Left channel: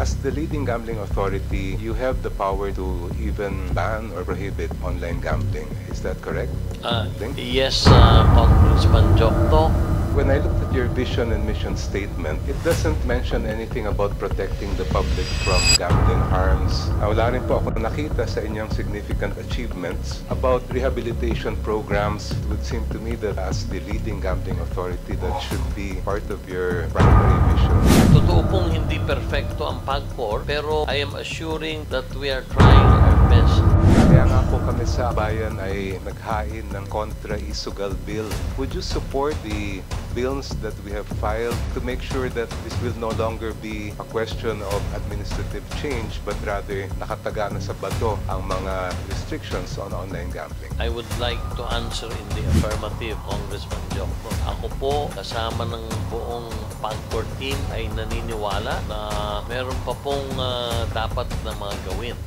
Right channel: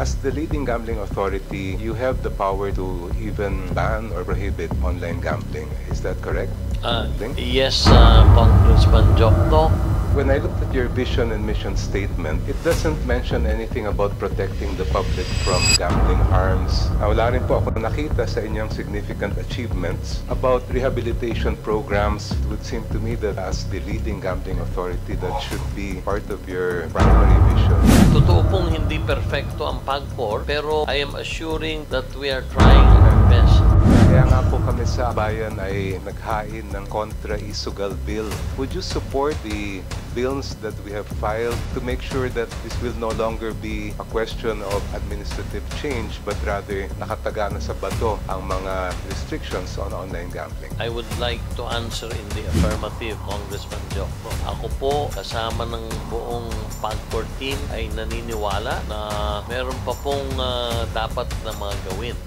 As the leading gambling authority, you have the power to even ban or prohibit online gambling. Is that correct? Yes, Congressman Jokto. When I looked at your vision and mission statement, it doesn't mention anything about protecting the public from gambling harms. Wala rin po ako nakita sa inyong significant achievements about rehabilitation programs. It would seem to me that as the leading gambling authority, that should be part of your primary vision. Totoo pong hindi perfecto ang PAGCOR, pero I am assuring that we are trying our best. Kaya nga po kami sa bayan ay naghain ng kontra-isugal bill. Would you support the bills that we have filed to make sure that this will no longer be a question of administrative change but rather nakataga na sa bato ang mga restrictions on online gambling? I would like to answer in the affirmative, Congressman Jokto. Ako po, kasama ng buong PAGCOR team ay naniniwala na meron pa pong dapat na mga gawin.